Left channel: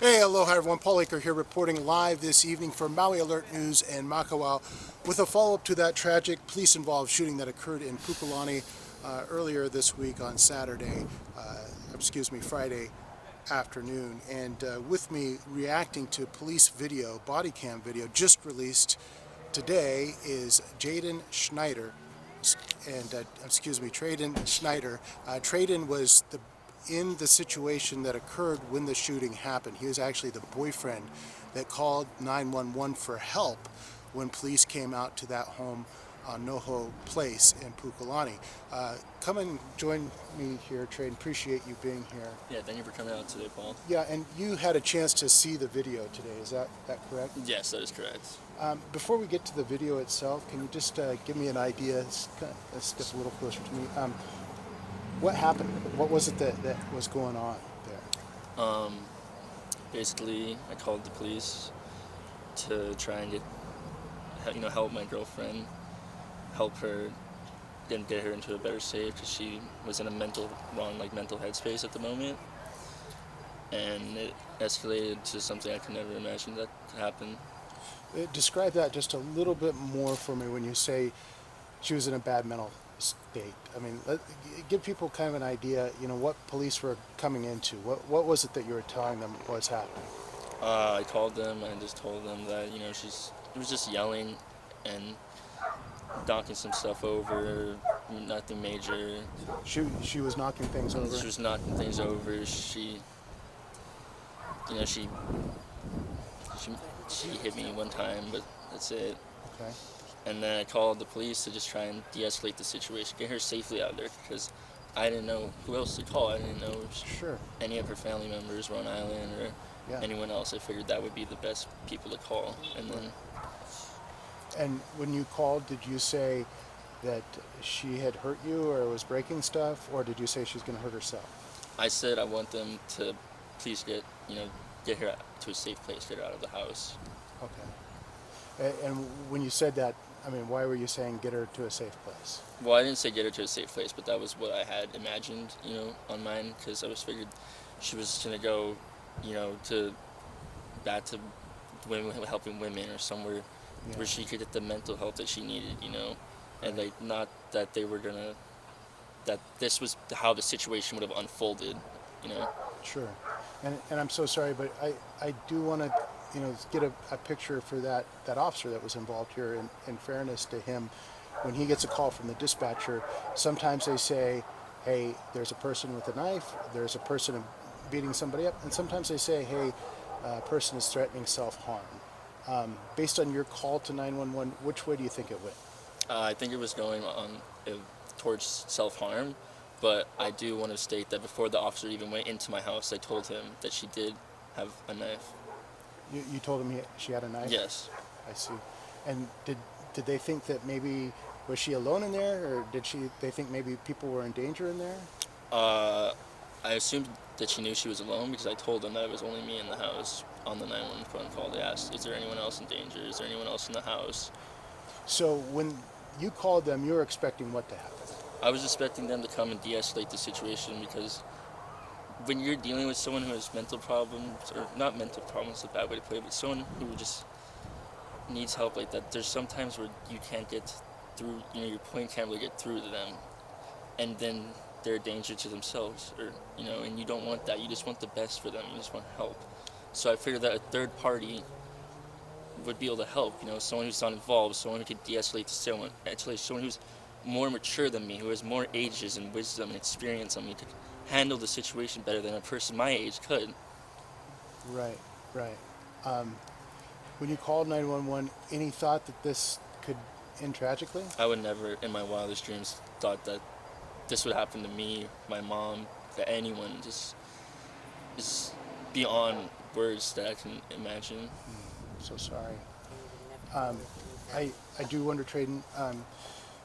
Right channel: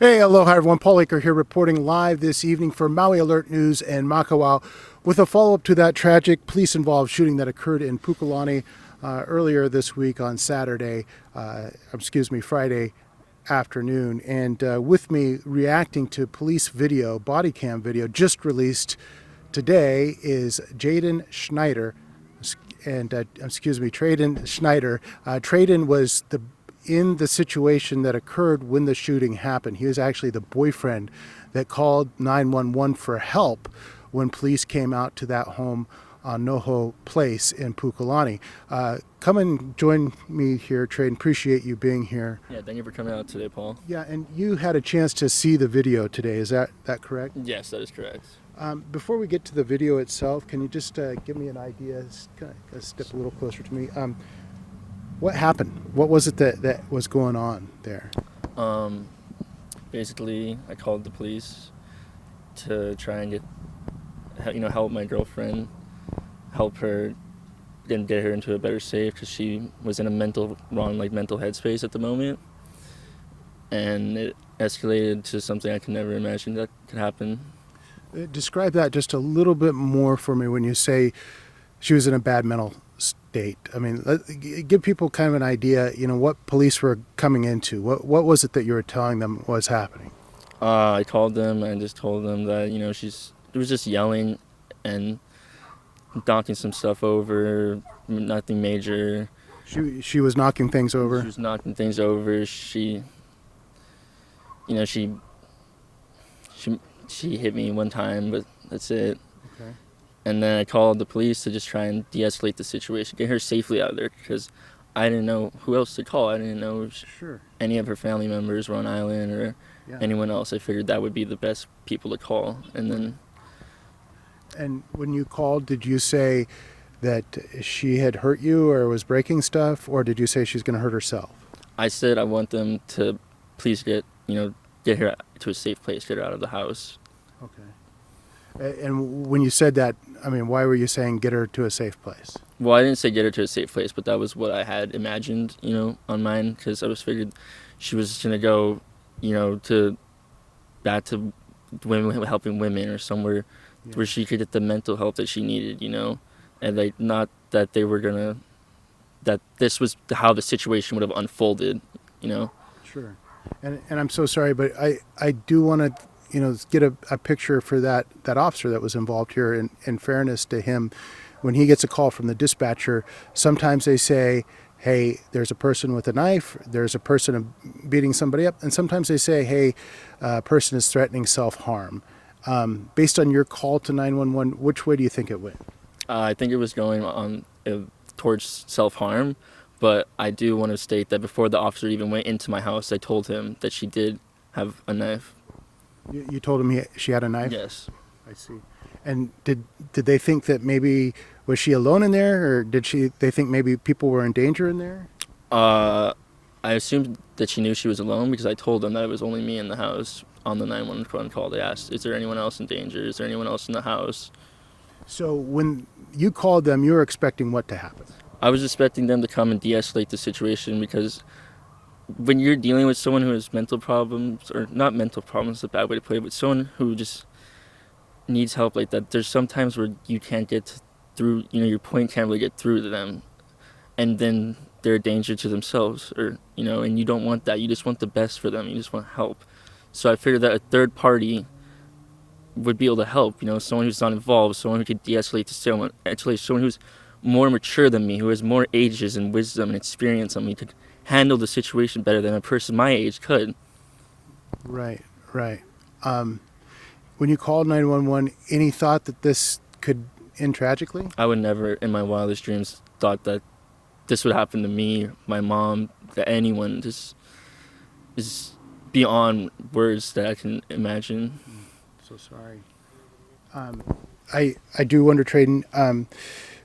Hey, aloha everyone. Paul Aker here reporting live this evening for Maui Alert News and Macayla with a follow-up to that tragic police-involved shooting that occurred in Pukalani earlier this week on Friday afternoon. And with me reacting to police video, Bodycam video just released today is Jaden Schneider. Traden Schneider. Traden was in the situation that occurred when the shooting happened. He was actually the boyfriend that called 911 for help when police came out to that home on Noho Place in Pukalani. Come and join me here, Traden. Appreciate you being here. Yeah, thank you for coming out today, Paul. Yeah, and you had a chance to see the video today. Is that correct? Yes, that is correct. Before we get to the video itself, can you just give me an idea? Step a little closer to me. What happened? What was it that was going on there? Basically, I called the police to try and help my girlfriend, help her, and get her into a better state because she was in a mental headspace at the moment, and it escalated to something I could never imagine that could happen. Describe that just a little bit more for me when you say she was in a bad mental state. I mean, give people kind of an idea, what police were coming into. What was it that you were telling them was happening? I called them and just told them that, it was just yelling and knocking some stuff over, nothing major. She was knocking things over? She was knocking things over. She hit me one time, but that's it. Okay. And then I called the police to just try and de-escalate the situation, get her safely out of there, because I didn't know who else to call. I didn't know if any of her family members were on island or anyone else. I figured that would be the best people to call. And when you called, did you say that she had hurt you or was breaking stuff, or did you say she's going to hurt herself? I said I want them to please get her to a safe place, get her out of the house. Okay. And when you said that, I mean, why were you saying get her to a safe place? Well, I didn't say get her to a safe place, but that was what I had imagined, on mine, because I was figured she was going to go, back to women, helping women, or somewhere where she could get the mental help that she needed, and not that they were gonna, that this was how the situation would have unfolded, Sure. And I'm so sorry, but I do want to, get a picture for that officer that was involved here. In fairness to him, when he gets a call from the dispatcher, sometimes they say, hey, there's a person with a knife, there's a person beating somebody up, and sometimes they say, hey, a person is threatening self-harm. Based on your call to 911, which way do you think it went? I think it was going on towards self-harm, but I do want to state that before the officer even went into my house, I told him that she did have a knife. You told him she had a knife? Yes. I see. And did they think that maybe, was she alone in there, or they think maybe people were in danger in there? I assumed that she knew she was alone because I told them that it was only me in the house. On the 911 call, they asked, is there anyone else in danger? Is there anyone else in the house? So when you called them, you were expecting what to happen? I was expecting them to come and de-escalate the situation, because when you're dealing with someone who has mental problems, or not mental problems, is a bad way to put it, but someone who just needs help like that, there's sometimes where you can't get through, your point can't really get through to them, and then they're a danger to themselves, or, and you don't want that. You just want the best for them. You just want help. So I figured that a third party would be able to help, someone who's not involved, someone who could de-escalate to someone, actually someone who's more mature than me, who has more ages and wisdom and experience than me, could handle the situation better than a person my age could. Right. When you called 911, any thought that this could end tragically? I would never in my wildest dreams thought that this would happen to me, my mom, to anyone. Just is beyond words that I can imagine. So sorry. I do wonder, Traden,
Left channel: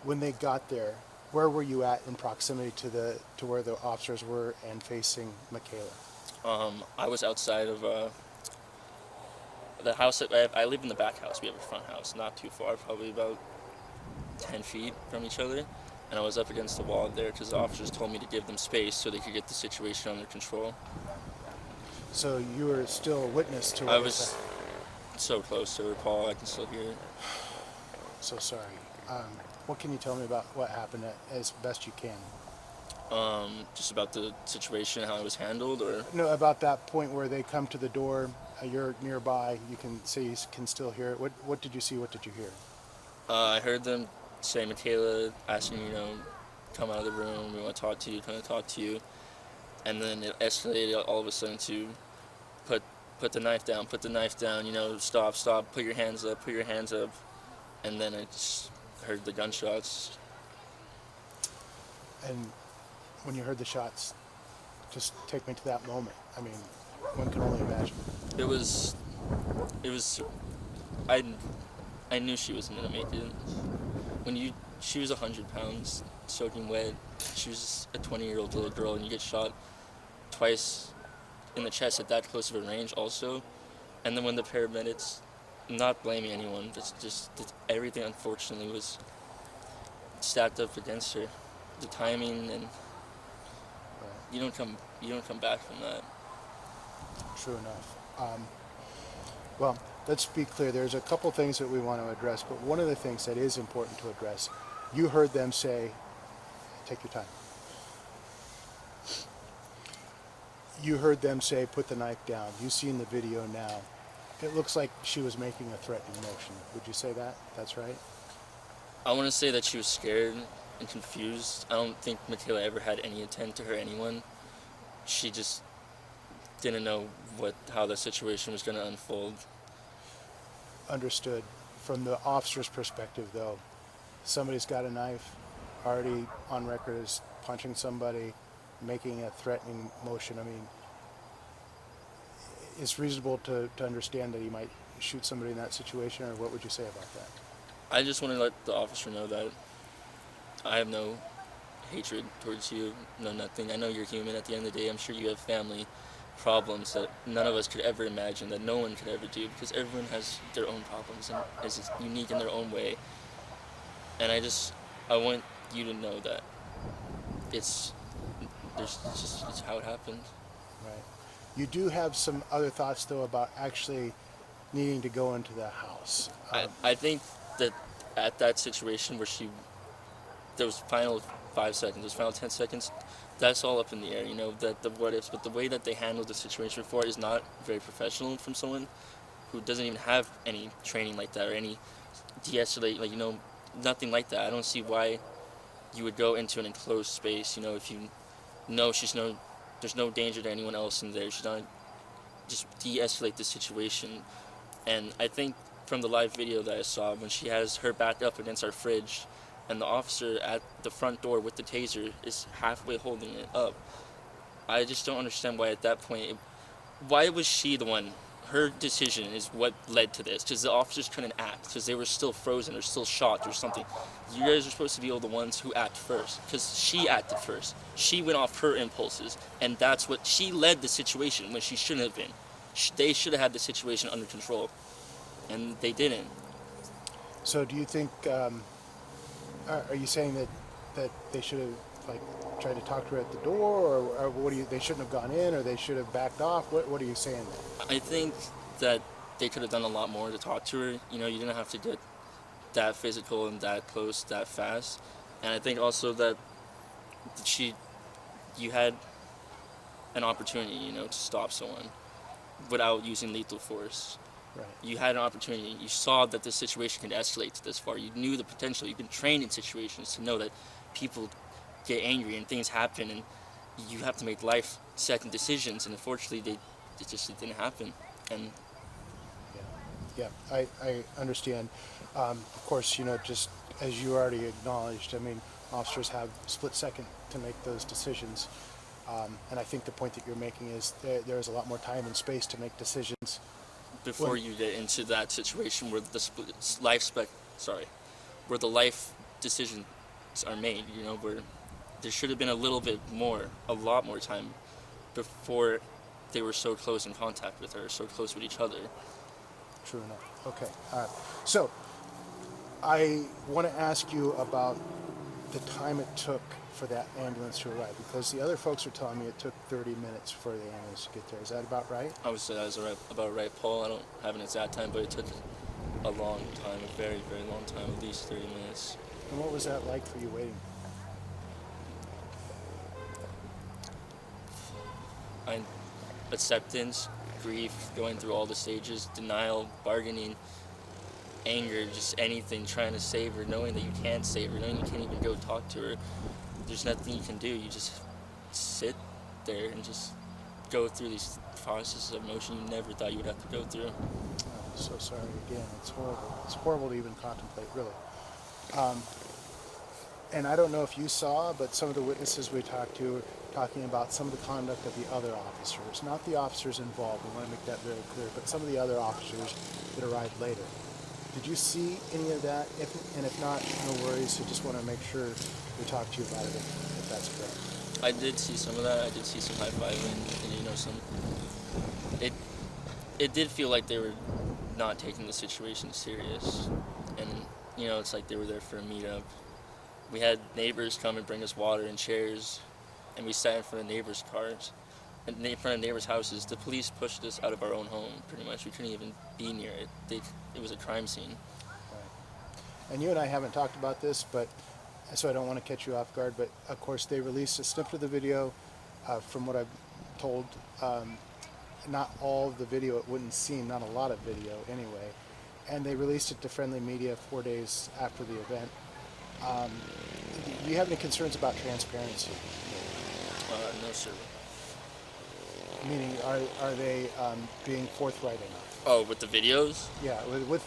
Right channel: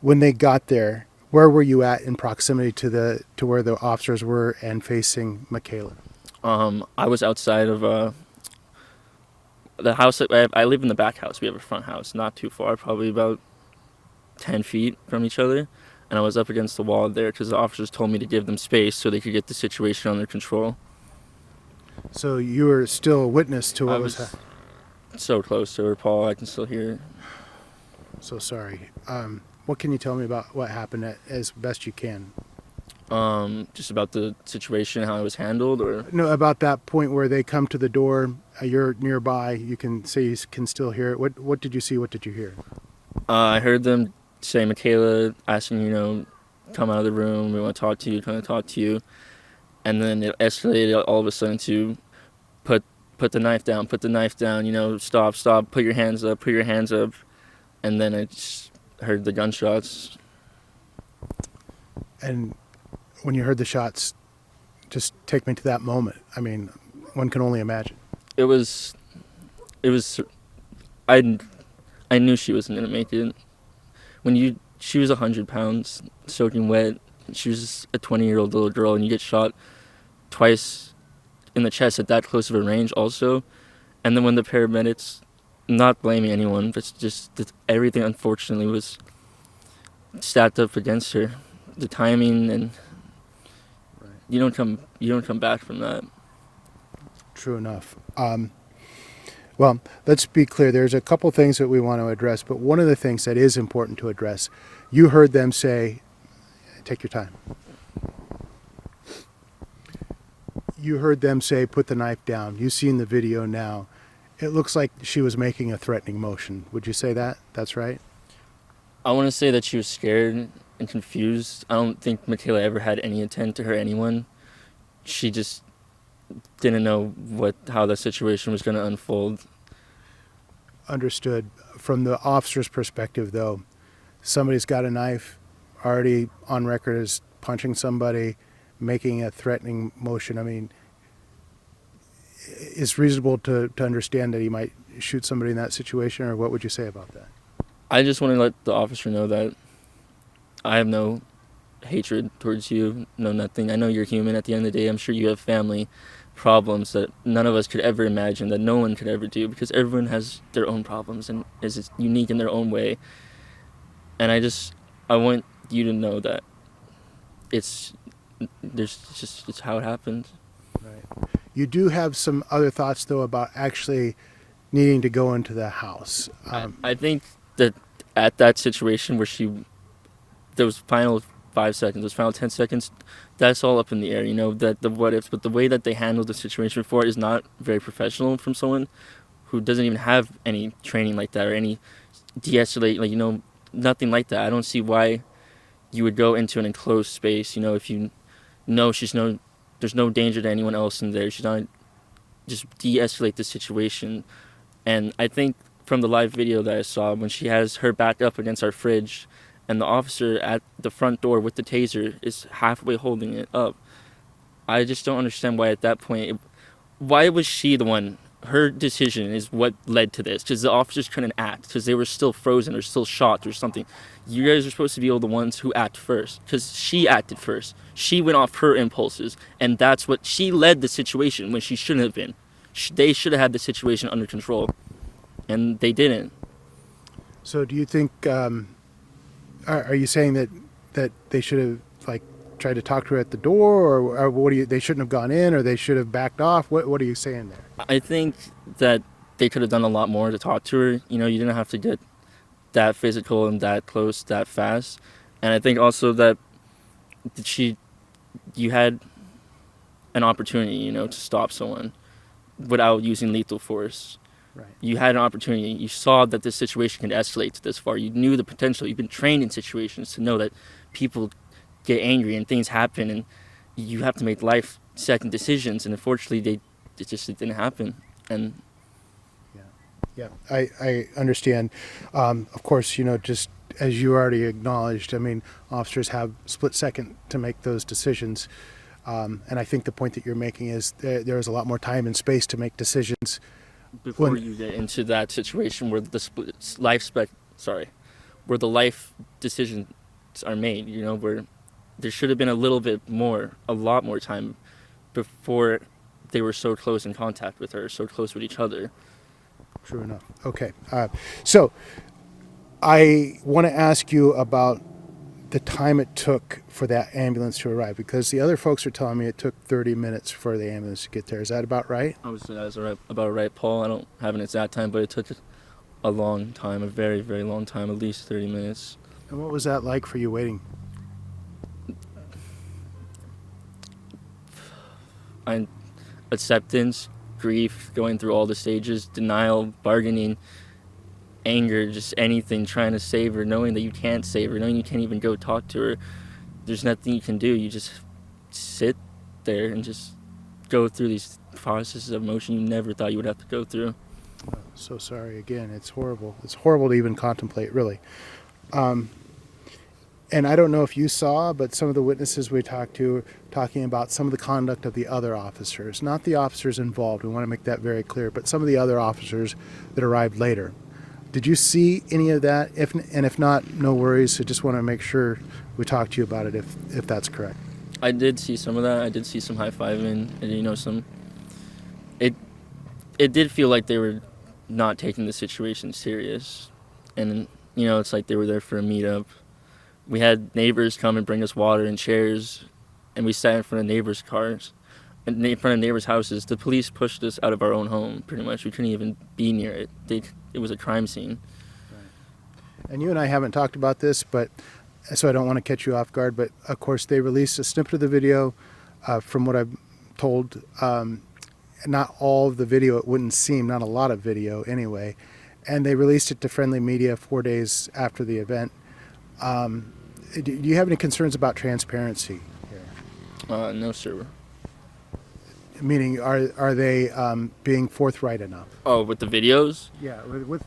when they got there, where were you at in proximity to where the officers were and facing Macayla? I was outside of the house. I live in the back house. We have a front house, not too far, probably about 10 feet from each other. And I was up against the wall there because the officers told me to give them space so they could get the situation under control. So you were still a witness to I what was was so close to her, Paul. I can still hear it. so sorry. What can you tell me about what happened as best you can? Just about the situation, how it was handled, or No, about that point where they come to the door. You're nearby. You can say you can still hear it. What did you see? What did you hear? I heard them say, Macayla asking, come out of the room. We want to talk to you. Trying to talk to you, and then it escalated all of a sudden to put put the knife down. Put the knife down. Stop. Put your hands up. Put your hands up. And then I just heard the gunshots. And when you heard the shots, just take me to that moment. I mean, one can only imagine. It was, it was. I knew she wasn't gonna make it. She was 100 pounds, soaking wet. She was a 20-year-old little girl, and you get shot twice in the chest at that close of a range, also. And then when the paramedics, not blaming anyone, but just that everything unfortunately was stacked up against her. The timing, and Right. you don't come back from that. True enough. Well, let's be clear. There's a couple things that we want to address, but one of the things that is important to address, you heard them say, take your time. You heard them say, put the knife down. You've seen the video now. It looks like she was making a threatening motion. Would you say that? That's right? I want to say that she was scared and confused. I don't think Macayla ever had any intent to hurt anyone. She just didn't know how the situation was going to unfold. Understood. From the officer's perspective, though, somebody's got a knife, already on record as punching somebody, making a threatening motion. I mean, it's reasonable to understand that he might shoot somebody in that situation, or what would you say about that? I just want to let the officer know that I have no hatred towards you, no nothing. I know you're human at the end of the day. I'm sure you have family problems that none of us could ever imagine, that no one could ever do, because everyone has their own problems and is unique in their own way. And I want you to know that it's how it happened. Right. You do have some other thoughts, though, about actually needing to go into the house. I think that at that situation where those final 5 seconds, those final 10 seconds, that's all up in the air, that the what ifs, but the way that they handled the situation before is not very professional from someone who doesn't even have any training like that or any de-escalate, nothing like that. I don't see why you would go into an enclosed space, if you know there's no danger to anyone else in there. She's not just de-escalate the situation. And I think from the live video that I saw, when she has her back up against our fridge and the officer at the front door with the taser is halfway holding it up, I just don't understand why at that point, why was she the one? Her decision is what led to this, because the officers couldn't act because they were still frozen or still shocked or something. You guys are supposed to be all the ones who act first, because she acted first. She went off her impulses, and that's what she led the situation when she shouldn't have been. They should have had the situation under control, and they didn't. So do you think, are you saying that they should have tried to talk to her at the door, or what they shouldn't have gone in, or they should have backed off? What are you saying there? I think that they could have done a lot more to talk to her. You didn't have to get that physical and that close that fast. And I think also that you had an opportunity, to stop someone without using lethal force. Right. You had an opportunity. You saw that this situation could escalate to this far. You knew the potential. You've been trained in situations to know that people get angry and things happen, and you have to make life-second decisions. And unfortunately, it didn't happen. And Yeah, I understand. Of course, just as you already acknowledged, I mean, officers have split second to make those decisions. And I think the point that you're making is there is a lot more time and space to make decisions. before you get into that situation where where the life decisions are made, where there should have been a lot more time before they were so close in contact with her, so close with each other. True enough. Okay. So I want to ask you about the time it took for that ambulance to arrive, because the other folks are telling me it took 30 minutes for the ambulance to get there. Is that about right? I would say that's about right, Paul. I don't have an exact time, but it took a long time, a very, very long time, at least 30 minutes. And what was that like for you waiting? Acceptance, grief, going through all the stages, denial, bargaining, anger, just anything, trying to save her, knowing that you can't save her, knowing you can't even go talk to her. There's nothing you can do. You just sit there and just go through these processes of emotion you never thought you would have to go through. Oh, so sorry again. It's horrible. It's horrible to even contemplate, really. And I don't know if you saw, but some of the witnesses we talked to were talking about some of the conduct of the other officers, not the officers involved. We want to make that very clear, but some of the other officers that arrived later. Did you see any of that? If not, no worries. I just want to make sure we talk to you about it if that's correct. I did see some of that. I did see some high-fiving and, some... It did feel like they were not taking the situation serious. And, it's like they were there for a meetup. We had neighbors come and bring us water and chairs, and we sat in front of neighbors' cars, and in front of neighbors' houses. The police pushed us out of our own home, pretty much. We couldn't even be near it. It was a crime scene. Right. And you and I haven't talked about this, but so I don't want to catch you off guard, but of course they released a snippet of the video. From what I've told, not all of the video, it wouldn't seem, not a lot of video anyway, and they released it to friendly media 4 days after the event. Do you have any concerns about transparency? No, sir. Meaning, are they being forthright enough? Oh, with the videos? Yeah, with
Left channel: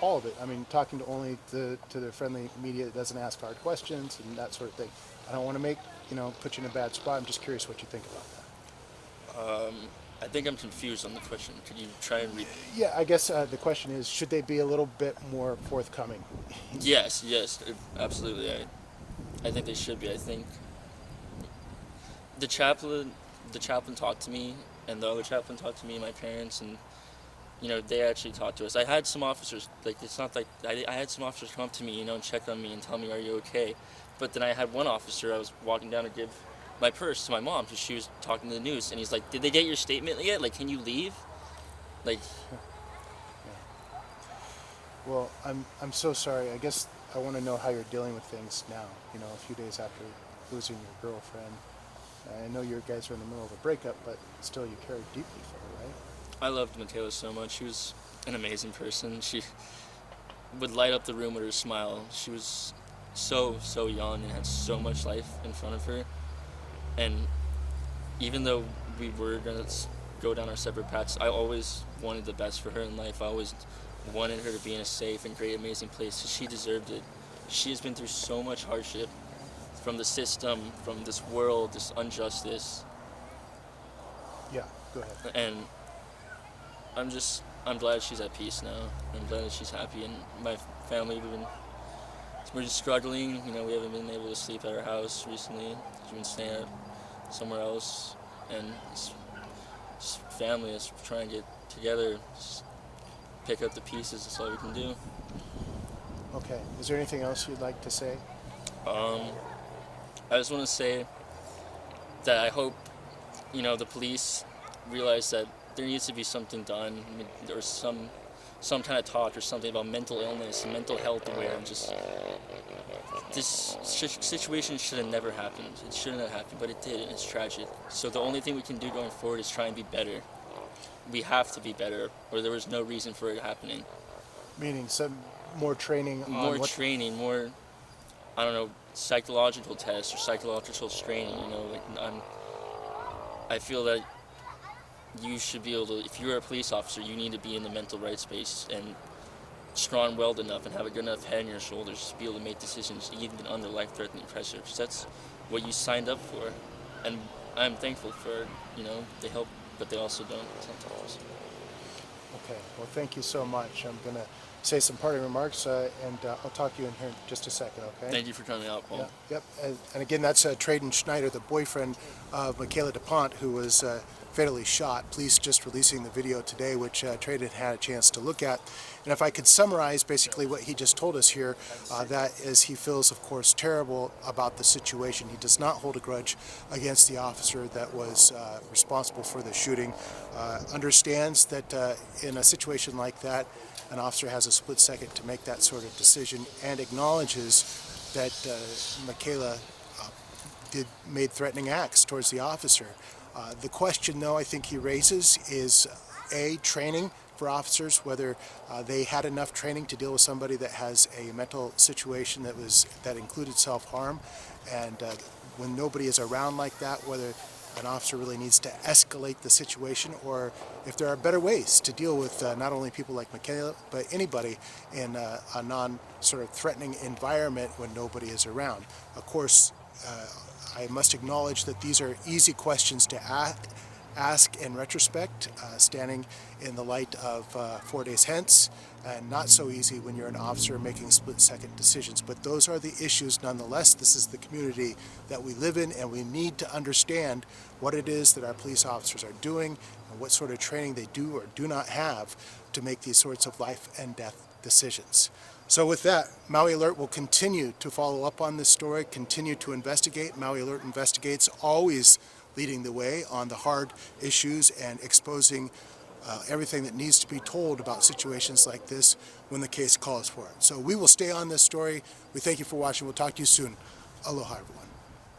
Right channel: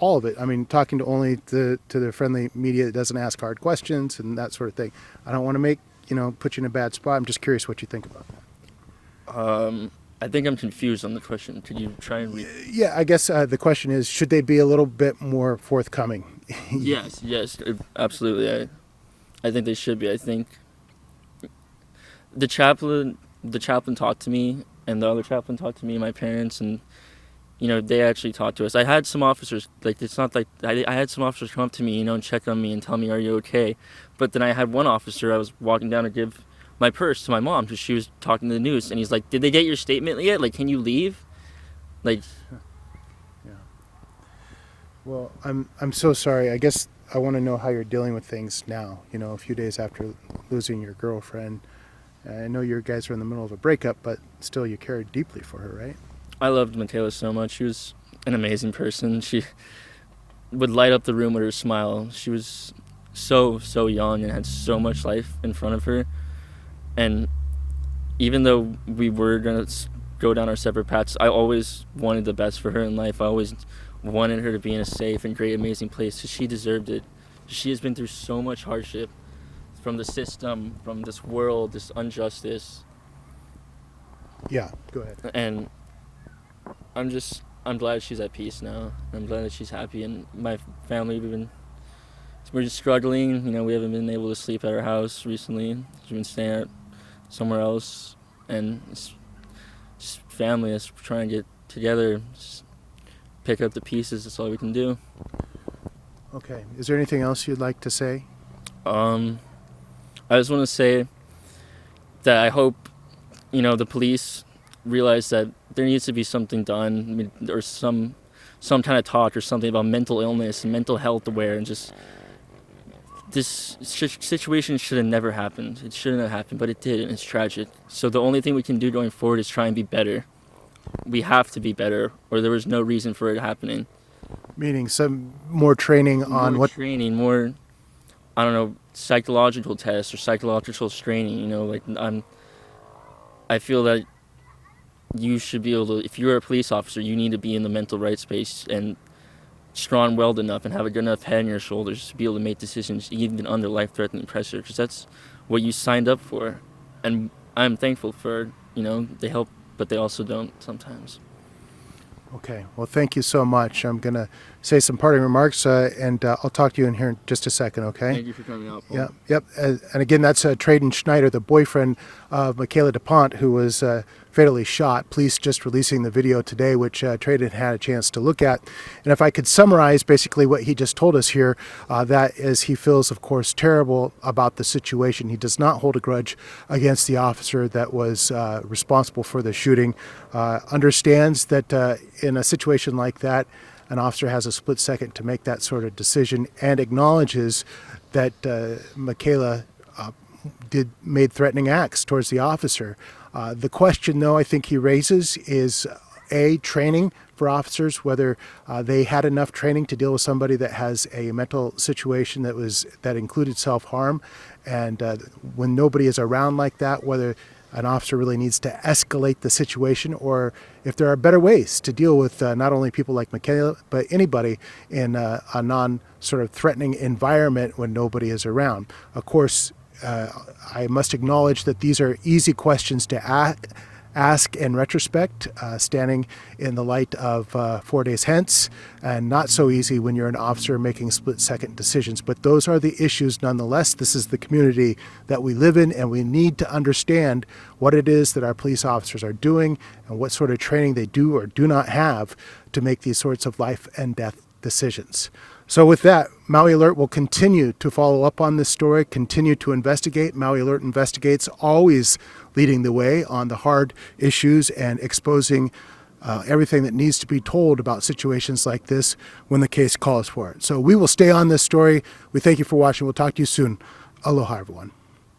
all of it. I mean, talking to only to the friendly media that doesn't ask hard questions and that sort of thing. I don't want to put you in a bad spot. I'm just curious what you think about that. I think I'm confused on the question. Could you try and Yeah, I guess the question is, should they be a little bit more forthcoming? Yes, absolutely. I think they should be. I think the chaplain talked to me, and the other chaplain talked to me, my parents, and they actually talked to us. I had some officers, it's not like I had some officers come up to me, and check on me and tell me, "Are you okay?" But then I had one officer, I was walking down to give my purse to my mom because she was talking to the news, and he's like, "Did they get your statement yet? Can you leave?" Yeah. Well, I'm so sorry. I guess I want to know how you're dealing with things now. A few days after losing your girlfriend. I know you guys are in the middle of a breakup, but still, you cared deeply for her, right? I loved Macayla so much. She was an amazing person. She would light up the room with her smile. She was so young and had so much life in front of her. And even though we were going to go down our separate paths, I always wanted the best for her in life. I always wanted her to be in a safe and great, amazing place, because she deserved it. She has been through so much hardship from the system, from this world, this injustice. Yeah, go ahead. And I'm glad she's at peace now. I'm glad that she's happy, and my family, we're just struggling. We haven't been able to sleep at our house recently. We've been staying at somewhere else, and it's family is trying to get together, just pick up the pieces. That's all we can do. Okay. Is there anything else you'd like to say? I just want to say that I hope, the police realize that there needs to be something done, or some kind of talk or something about mental illness and mental health aware, and just this situation should have never happened. It shouldn't have happened, but it did, and it's tragic. So the only thing we can do going forward is try and be better. We have to be better, or there was no reason for it happening. Meaning some more training on More training, more, I don't know, psychological tests or psychological training. I feel that you should be able to, if you're a police officer, you need to be in the mental right space and strong-willed enough and have a good enough head on your shoulders to be able to make decisions even under life-threatening pressure, because that's what you signed up for. And I'm thankful for, they help, but they also don't sometimes. Okay. Well, thank you so much. I'm going to say some parting remarks, and I'll talk to you in here in just a second, okay? Thank you for coming out, Paul. Yep. And again, that's Trayden Schneider, the boyfriend of Macayla Deponte, who was fatally shot. Police just releasing the video today, which Trey had a chance to look at. And if I could summarize basically what he just told us here, that is, he feels, of course, terrible about the situation. He does not hold a grudge against the officer that was responsible for the shooting. Understands that in a situation like that, an officer has a split second to make that sort of decision, and acknowledges that Macayla made threatening acts towards the officer. The question, though, I think he raises is training for officers, whether they had enough training to deal with somebody that has a mental situation that included self-harm, and when nobody is around like that, whether an officer really needs to escalate the situation, or if there are better ways to deal with not only people like Macayla, but anybody in a non-sort of threatening environment when nobody is around. Of course, I must acknowledge that these are easy questions to ask in retrospect, standing in the light of 4 days hence, and not so easy when you're an officer making split-second decisions. But those are the issues nonetheless. This is the community that we live in, and we need to understand what it is that our police officers are doing and what sort of training they do or do not have to make these sorts of life and death decisions. So with that, Maui Alert will continue to follow up on this story, continue to investigate. Maui Alert investigates, always leading the way on the hard issues and exposing everything that needs to be told about situations like this when the case calls for it. So we will stay on this story. We thank you for watching. We'll talk to you soon. Aloha, everyone.